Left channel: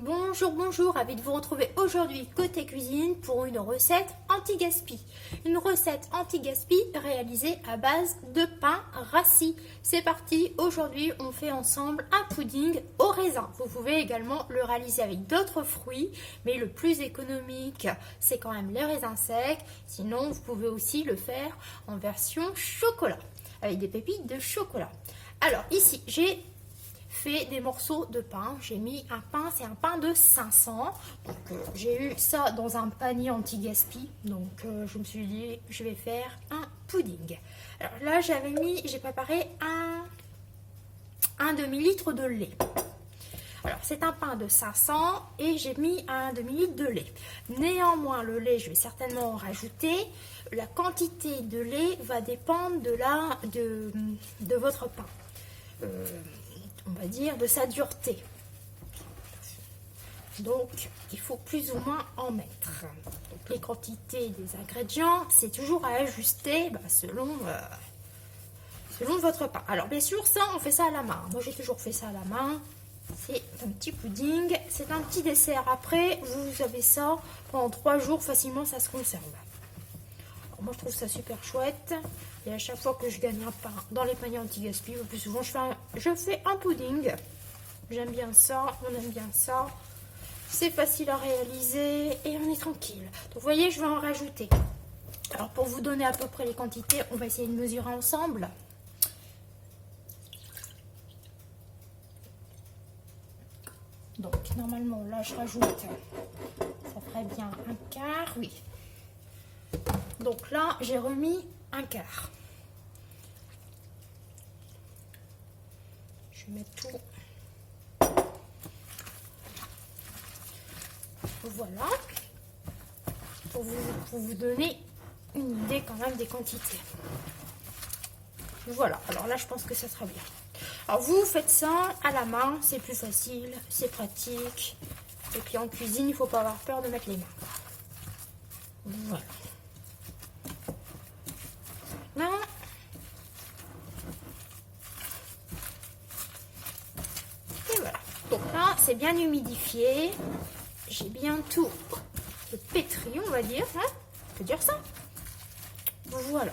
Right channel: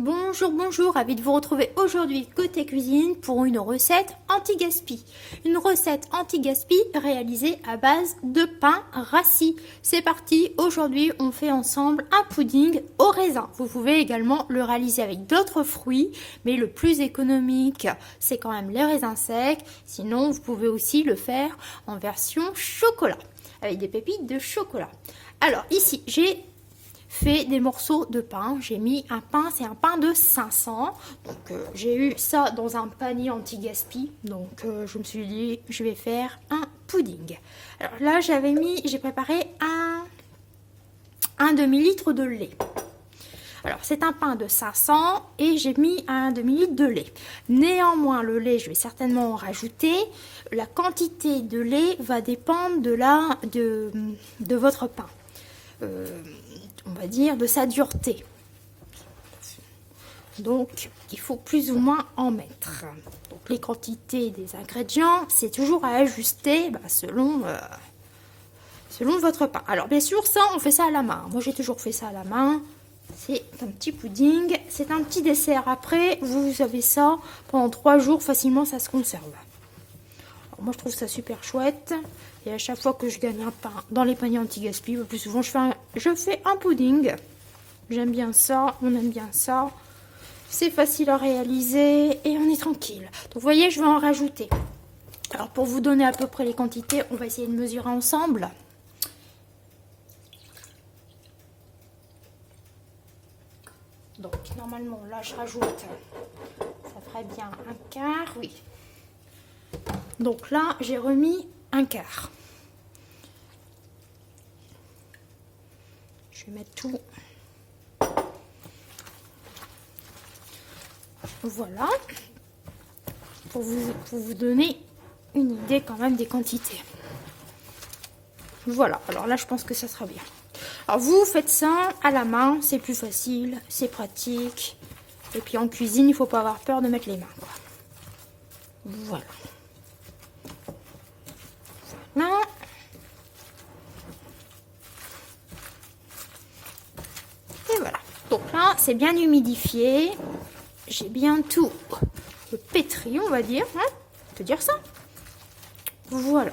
Bonjour, bonjour, ravi de vous retrouver aujourd'hui côté cuisine pour une recette anti-gaspi. Une recette anti-gaspi réalisée à base de pain rassis. C'est parti, aujourd'hui on fait ensemble un pudding au raisin. Vous pouvez également le réaliser avec d'autres fruits, mais le plus économique c'est quand même les raisins secs. Sinon vous pouvez aussi le faire en version chocolat, avec des pépites de chocolat. Alors ici j'ai fait des morceaux de pain. J'ai mis un pain, c'est un pain de 500. Donc j'ai eu ça dans un panier anti-gaspi. Donc je me suis dit, je vais faire un pudding. Alors là, j'ai préparé un demi-litre de lait. Alors c'est un pain de 500 et j'ai mis un demi-litre de lait. Néanmoins, le lait, je vais certainement en rajouter. La quantité de lait va dépendre de votre pain. On va dire de sa dureté. Donc il faut plus ou moins en mettre. Donc les quantités des ingrédients, c'est toujours à ajuster selon votre pain. Alors bien sûr, ça on fait ça à la main. Moi j'ai toujours fait ça à la main. C'est un petit pudding, c'est un petit dessert. Après vous avez ça pendant 3 jours, facilement ça se conserve. Alors, moi je trouve ça super chouette. Et à chaque fois que je gagne un pain dans les paniers anti-gaspi, le plus souvent je fais un pudding. J'aime bien ça, on aime bien ça. C'est facile à réaliser et on est tranquille. Donc vous voyez, je vais en rajouter. Alors pour vous donner à peu près les quantités, on va essayer de mesurer ensemble. Donc normalement là je rajoute, ça ferait bien un quart, oui. Donc là j'ai remis un quart. Je vais mettre tout. Voilà. Pour vous donner une idée quand même des quantités. Voilà. Alors là, je pense que ça sera bien. Alors vous faites ça à la main. C'est plus facile. C'est pratique. Et puis en cuisine, il ne faut pas avoir peur de mettre les mains. Voilà. Maintenant, donc là, c'est bien humidifié. J'ai bien tout pétri, on va dire. Hein, on peut dire ça. Voilà.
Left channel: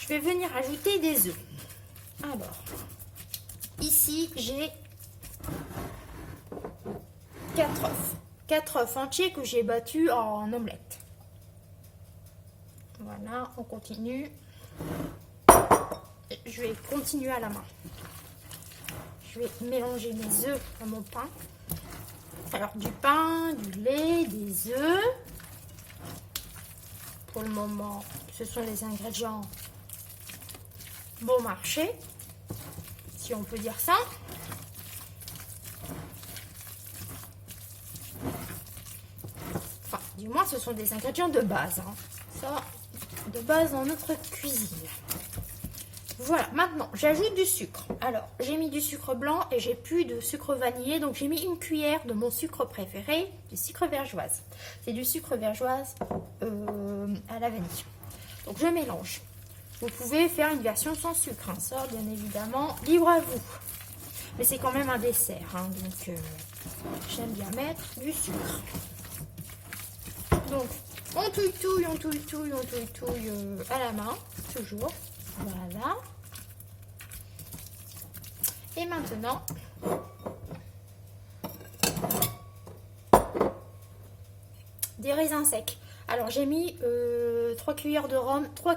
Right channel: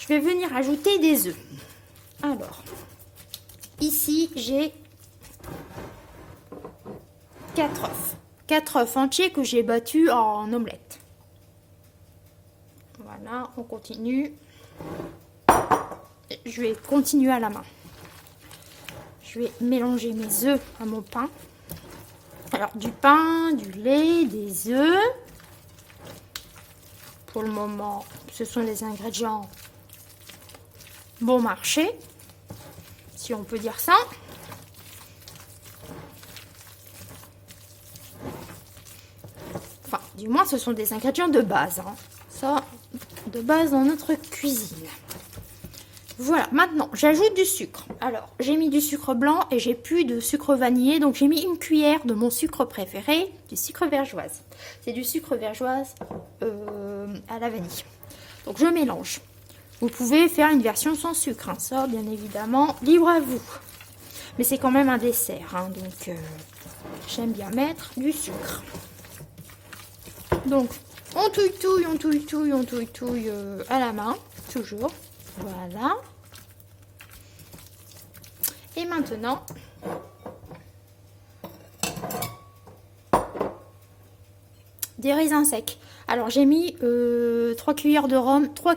Je vais venir ajouter des œufs. Alors, ici, j'ai 4 œufs. 4 œufs entiers que j'ai battus en omelette. Voilà, on continue. Je vais continuer à la main. Je vais mélanger mes œufs à mon pain. Alors du pain, du lait, des œufs. Pour le moment, ce sont les ingrédients bon marché, si on peut dire ça. Enfin, du moins, ce sont des ingrédients de base. Hein. Ça, de base dans notre cuisine. Voilà, maintenant j'ajoute du sucre. Alors j'ai mis du sucre blanc et j'ai plus de sucre vanillé, donc j'ai mis une cuillère de mon sucre préféré, du sucre vergeoise. C'est du sucre vergeoise à la vanille. Donc je mélange. Vous pouvez faire une version sans sucre, hein, ça bien évidemment, libre à vous. Mais c'est quand même un dessert, hein, donc j'aime bien mettre du sucre. Donc on touille-touille, on touille-touille, on touille-touille à la main, toujours. Voilà. Et maintenant, des raisins secs. Alors j'ai mis 3 cuillères de rhum, 3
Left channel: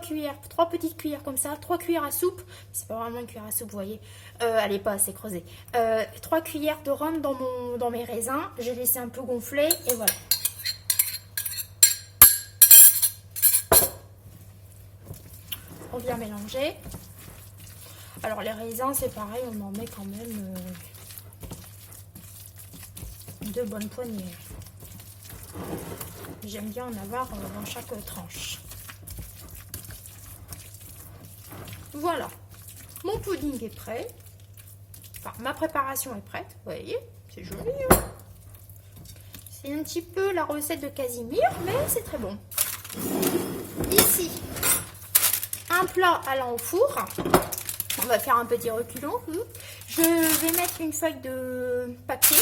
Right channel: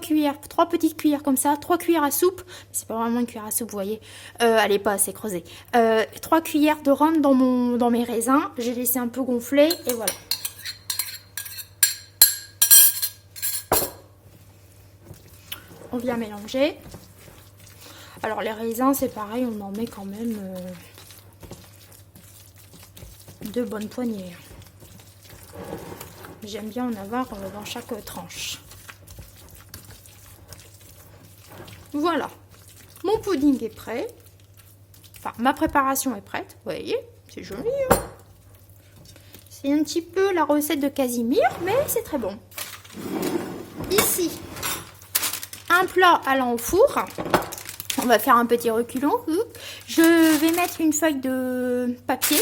petites cuillères comme ça, 3 cuillères à soupe. C'est pas vraiment une cuillère à soupe, vous voyez. Elle n'est pas assez creusée. 3 cuillères de rhum dans mes raisins. J'ai laissé un peu gonfler et voilà. On vient mélanger. Alors les raisins, c'est pareil, on en met quand même 2 bonnes poignées. J'aime bien en avoir dans chaque tranche. Voilà, mon pudding est prêt. Enfin, ma préparation est prête, vous voyez, c'est joli. Hein, c'est un petit peu la recette de Casimir, mais c'est très bon. Ici, un plat allant au four. On va faire un petit reculon. Je vais mettre une feuille de papier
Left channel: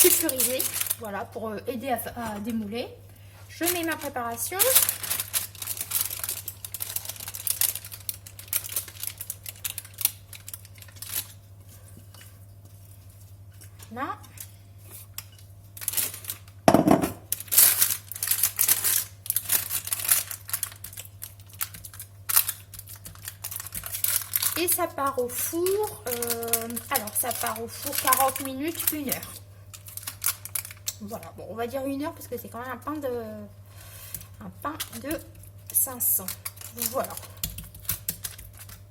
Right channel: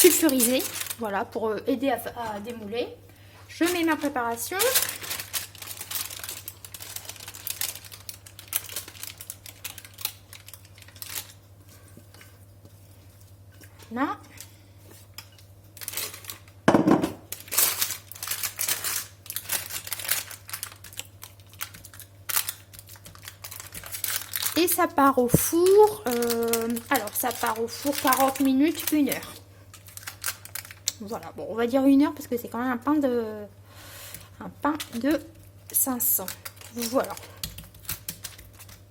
sulfurisé, voilà, pour aider à démouler. Je mets ma préparation. Là. Et ça part au four, alors ça part au four 40 minutes, 1 heure. Voilà, bon, on va dire 1 heure parce que c'est quand même un pain de 500. Voilà.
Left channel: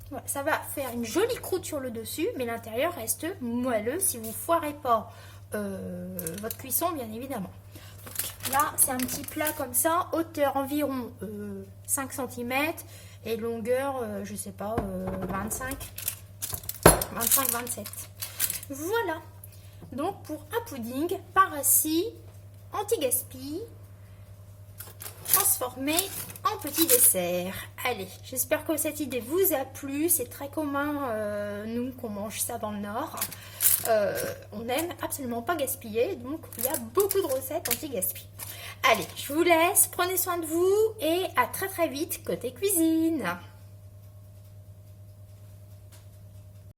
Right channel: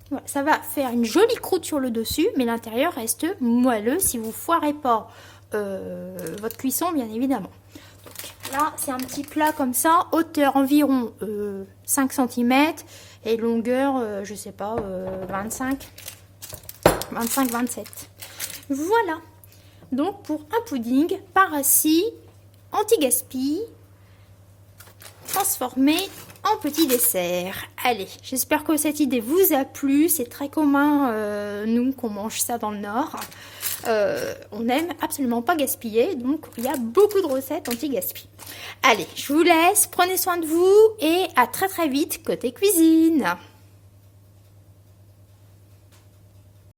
Voilà, ça va faire une jolie croûte sur le dessus, mais l'intérieur reste moelleux si vous foirez pas votre cuisson, bien évidemment. Donc, là, c'est un petit plat comme ça, hauteur environ 5 cm et longueur, je sais pas, 25-27. Voilà. Donc, pour un pudding par assis, anti-gaspi, transformé en petit dessert. Allez, j'espère que cette idée vous a plu. C'est très commun, nous, qu'on mange ça dans le Nord. On n'aime absolument pas gaspiller, donc il y a beaucoup de recettes anti-gaspi. Allez, je vous laisse, prenez soin de vous et à très très vite côté cuisine.